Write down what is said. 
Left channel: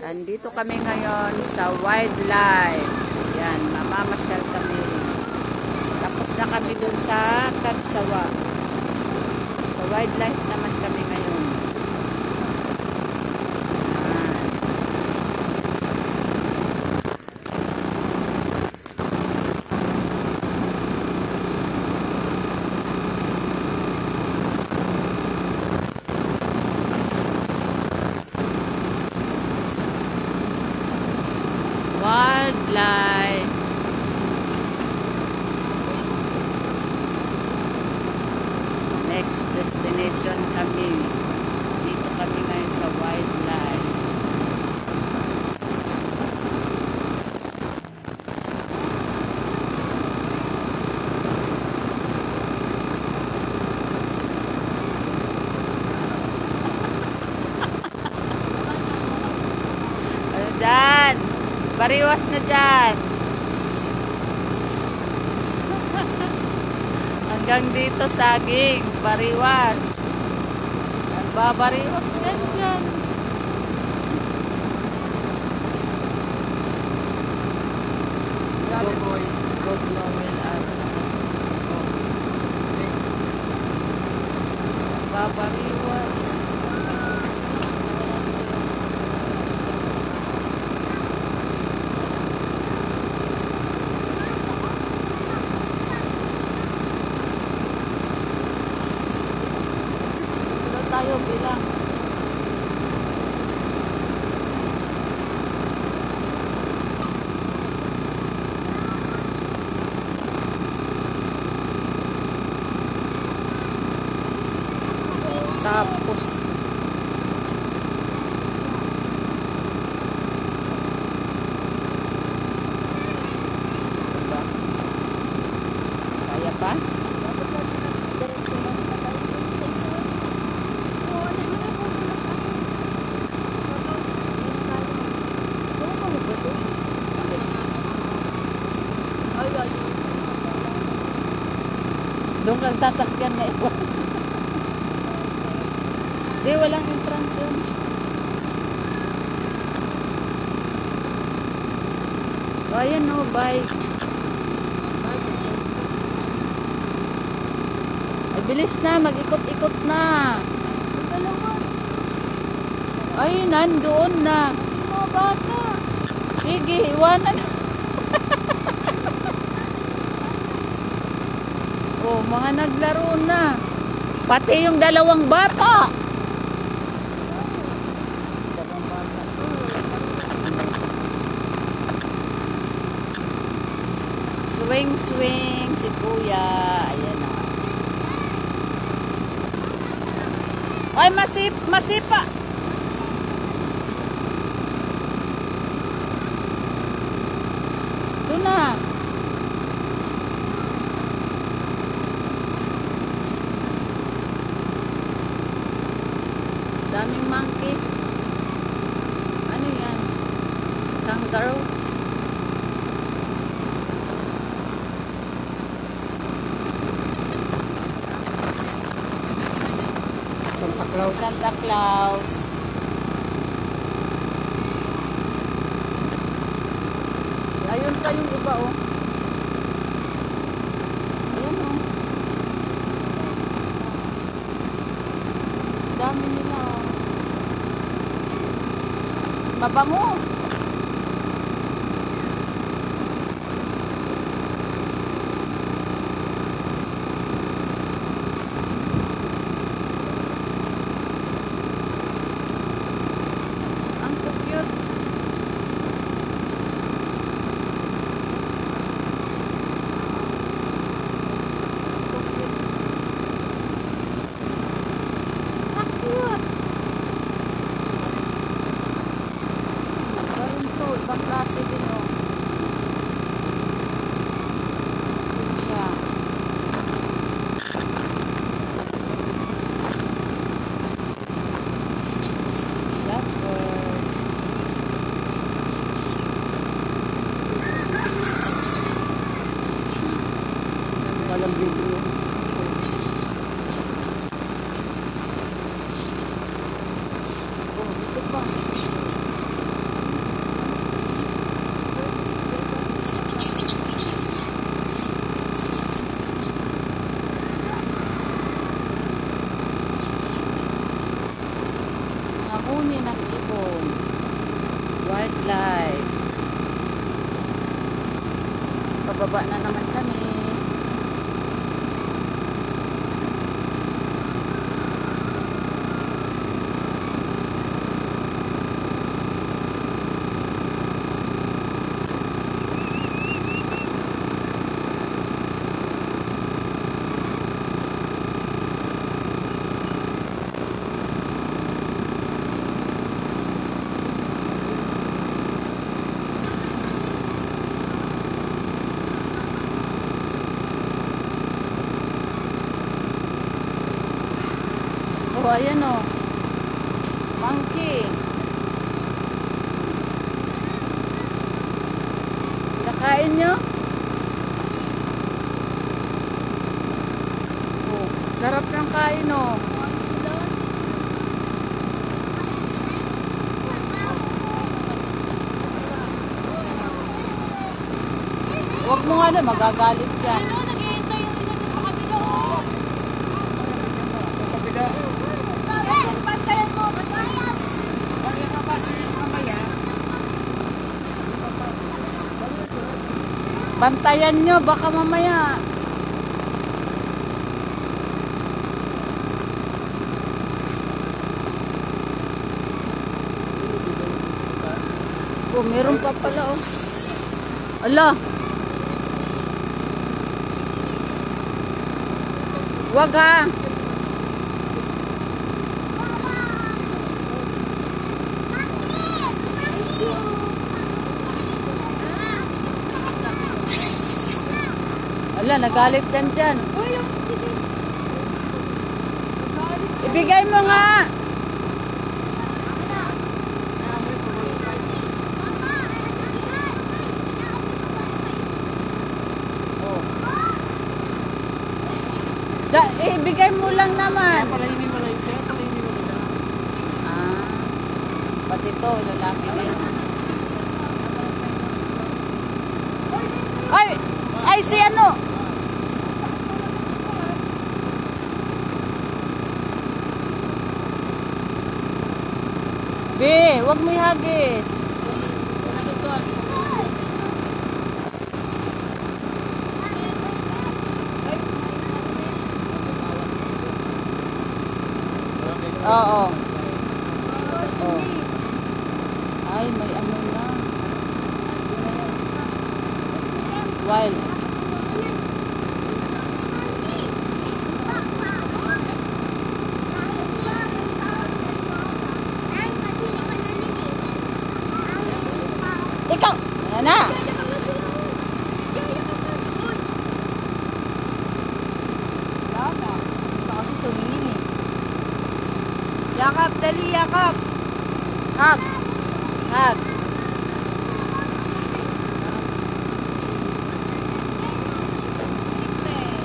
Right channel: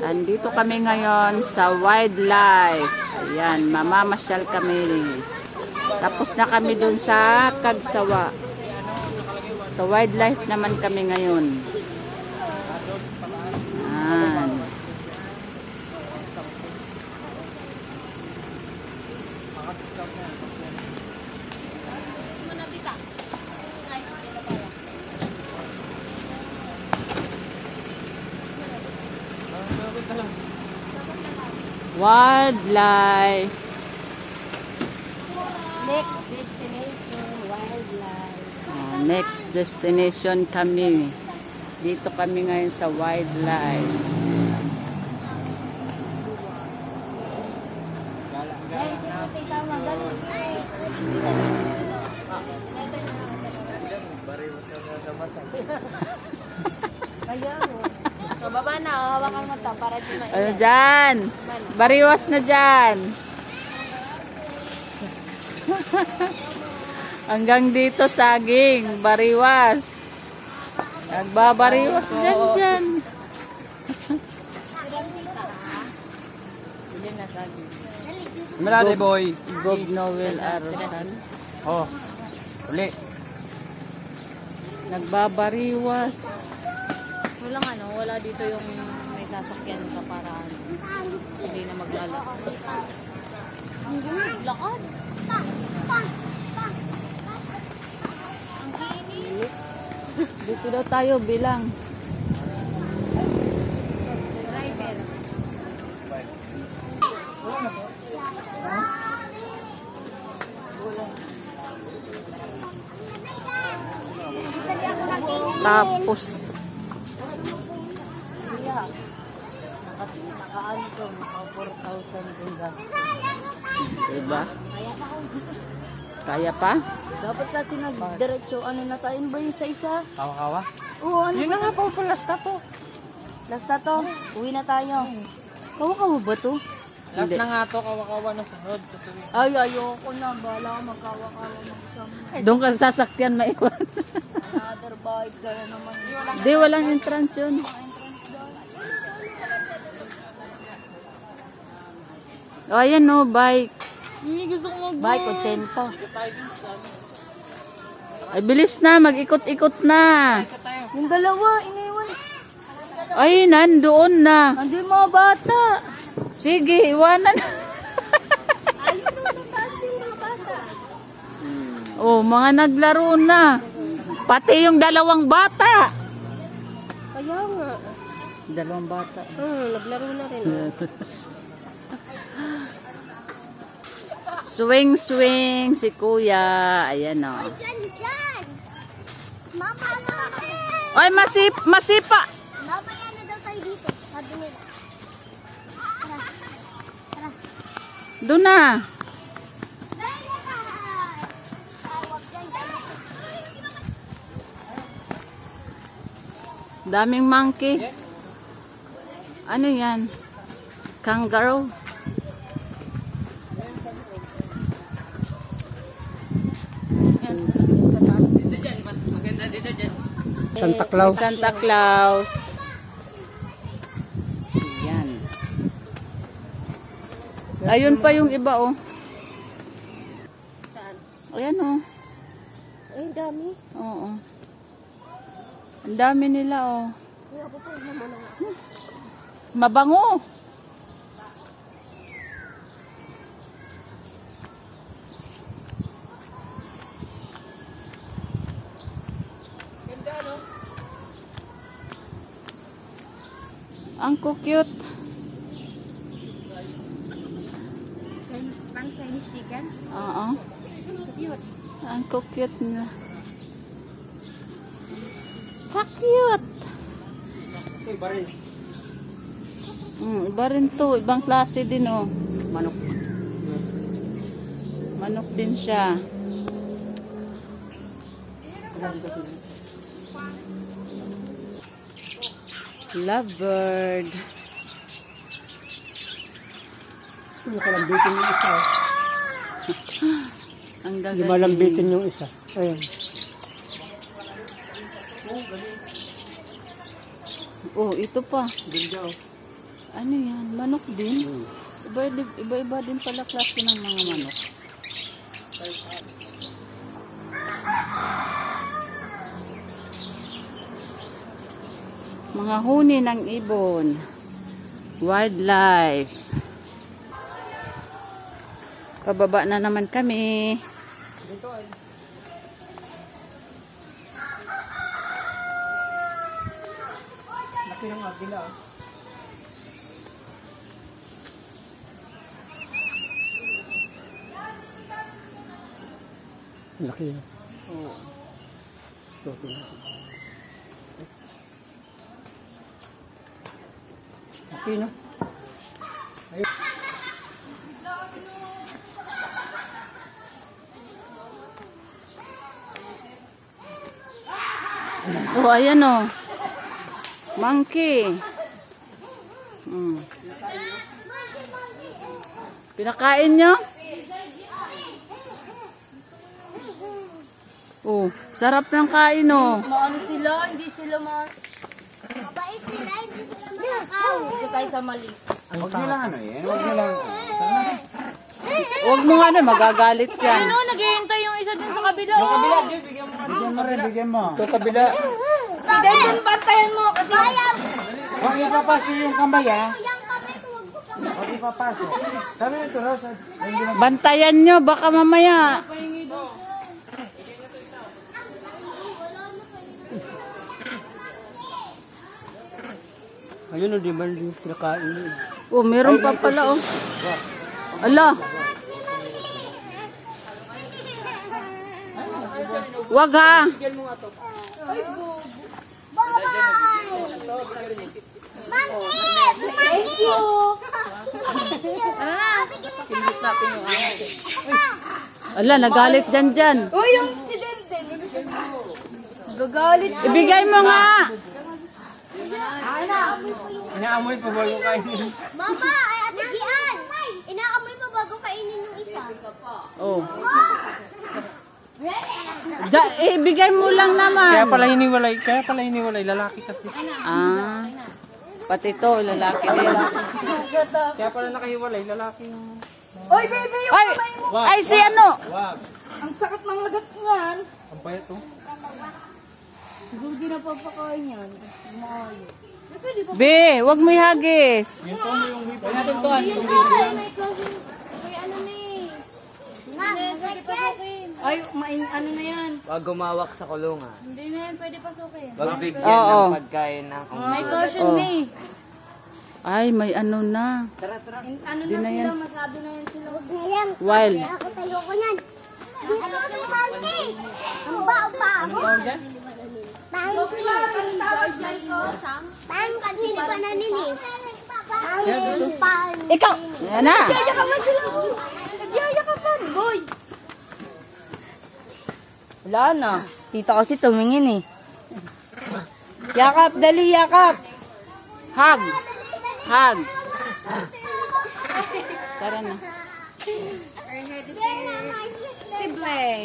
Andito kami ngayon sa wildlife. Ayan, mamamasyal kami. Tapos na kami dun sa Kagsawa. Sa wildlife naman kami ngayon. Ayan. Wildlife. Next destination kami. Dito kami ngayon sa wildlife. Bababa na, hawakan mo pa para Ano dyan? Bariwas na dyan. Hanggang dito saging, bariwas. Nagbabariwas dyan. Malade boy. God Noel Arasan. Oh. Ulit. Nagbabariwas. wala nga, wala dito yung may sasakyan pa para hindi na maglalakad. Lakas? Dito daw tayo bilang. Tapos diba? Kaya pa? Dapat kasi mag-diretso ano na tayo ba yung sa isa? Hawa. Oo, ano Yun na nga po, last na po. Last na to, uwi na tayo. Hawakan mo ba to? Last na nga to, kawa-kawa na po. Ay, ayoko na. Wala akong magkakakas. Doon ka sa sasakyan na iba. Di, walang entrance yun. O, ayan o, bike. Bye, kotsenta. Ay, bilis na, mag-ikot-ikot na. Yung dalawa, iniwan. Ay, nandoon na. Nandun yung mga bata. Sige, iwanan. Oh, mga naglaro na. Pati yung dalawang bata. Kaya nga. Dalawang bata. Naglaro na rin. Swing, swing, si kuya. Ayan o. Ay, masipa. Doon na. Daming monkey. Ano yan? Kangaroo. Santa Claus. Santa Claus. Yan. Ayun pa yung iba oh. Ayan oh. Oo. Ang dami nila oh. Mabango. Ang cute. Oo. Ang cute na. Cute. Iba rin to. Ibang klase din oh. Manok din siya. Lovebird. Ang gaganda. Lumalambitin yung isa. Oh. Oh, ito pa. Mga huni ng ibon. Wildlife. Pababa na naman kami. Oh, ayan oh. Monkey. Pinakain nyo? Oh, sarap ng kain oh. Maano sila, hindi sila hindi tayo sa mali. Huwag mo nga na, magagalit yan. Ano, naghihintay yung isa dyan sa kabila, oh. Bigyan mo. Ito kabila. Hindi, dun pantayan mo kasi. Huwag ipapasok yung kamay ha. Huwag ipapasok. Sabi ito. Bantayan nyo, baka mamaya. Yun o, di ba yung nakain? Oh, meron pa pala oh. Ala. Wag ha. Thank you. Ala, nagalit dyan. Uy, yung insidente. Gagalit siya. Ibigay mo nga. Inaamoy ko ba yung kain? Mama, ay ate Gian. Inaamoy pa bago kainin yung isa. Oh. Ibigay mo lang naman. Kaya pala hiniwalay lalaki. Ah. Pati to, lalaki din. Kaya pala nakahiwalay lalaki. Uy, baby, yung Ay, kamay mo. ay si ano? Ang sakit ng nagatuan. Be, wag mo ihagis. Ay, ano na yan? Wag gumawak sa kulong. Bakit Oo. magkain na? May caution Oh. me. Ay, may ano na. Ano Yun na yan. Ayan. Wild. Ayoko nan. Dito si Mami. Ang pa mo. Ang kasi pa na nini. Ang pa. Ikaw. Yan na. Yaya ka ba sila mo? Yaya ka pa. Boy. Wala na. Dito kasi tumingin eh. Yakap, dali, yakap. Hug. Hug. Simple.